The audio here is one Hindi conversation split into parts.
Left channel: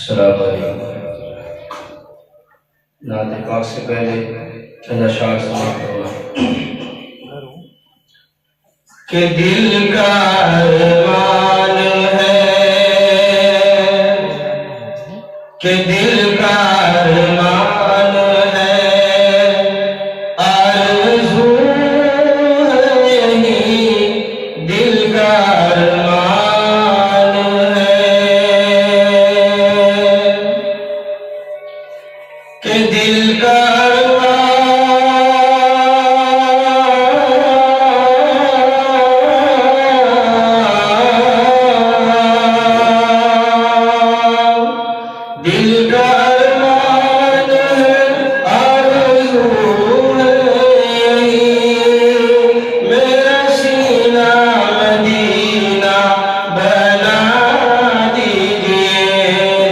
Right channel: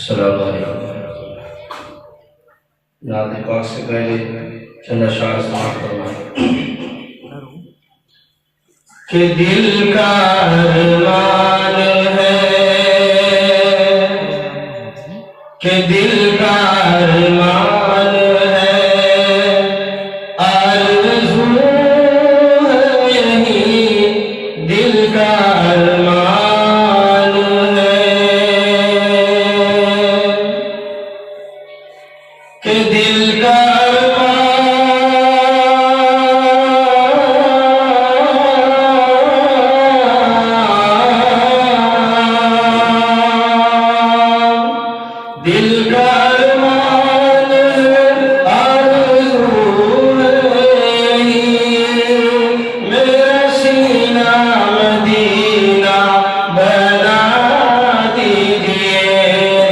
अस्सलाम वालेकुम। नात पाक से पहले चंद अशआर समाप्त करना कि दिल का अरमान है, कि दिल का अरमान है, आरज़ू है यही दिल का अरमान है, कि दिल का दिल का अरमान है, आरज़ू है यही मेरा सीना मदीना बना दीजिए,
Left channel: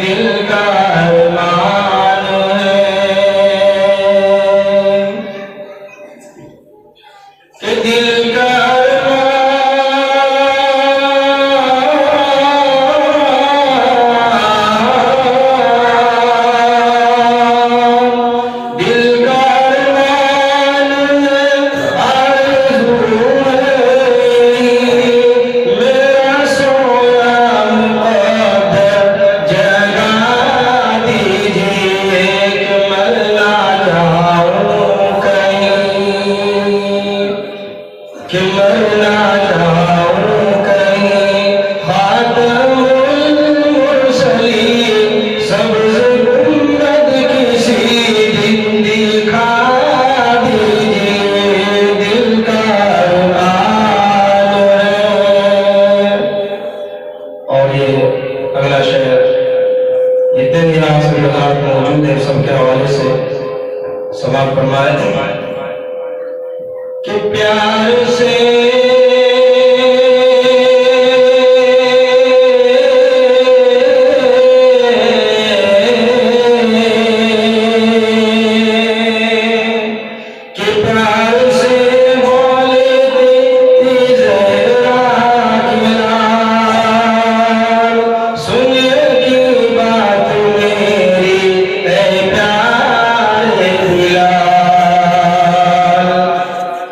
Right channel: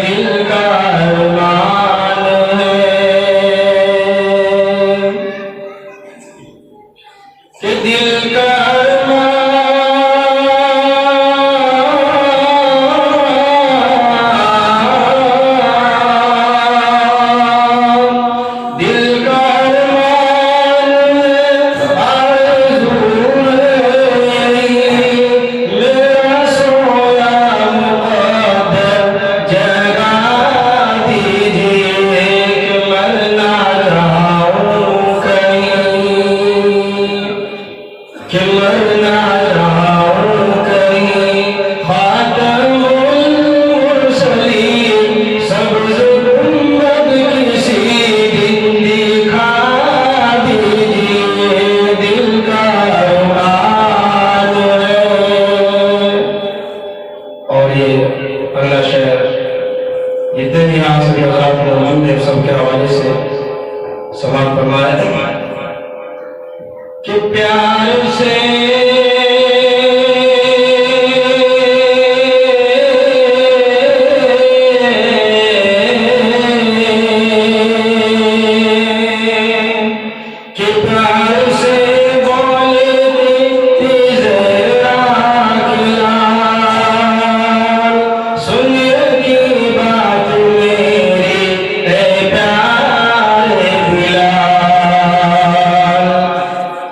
दिल का अरमान है, कि दिल का कि मरना जाऊं कहीं खातमुल मुरसलीन सब्ज़ गुंबद किसी दिन दिखा दीजिए, दिल का अरमान है। और ये अगला शेर जितने भी यहाँ से हज़रात मोहम्मद देव सब के हवाले से समाप्त फरमाए कि प्यार से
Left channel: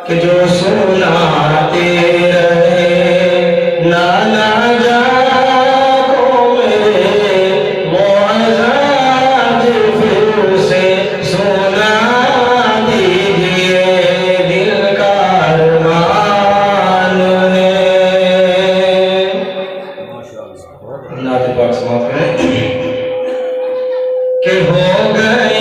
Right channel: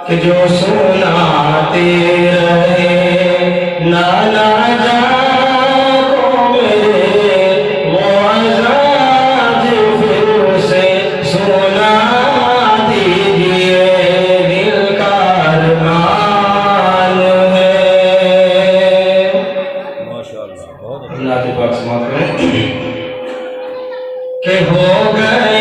कि जो सुनाते रहे नाना जाको मेरे मुआज़ाज फिर से सुना दीजिए, दिल का अरमान है। अल्लाह के पाक समाप्त करें कि हो गए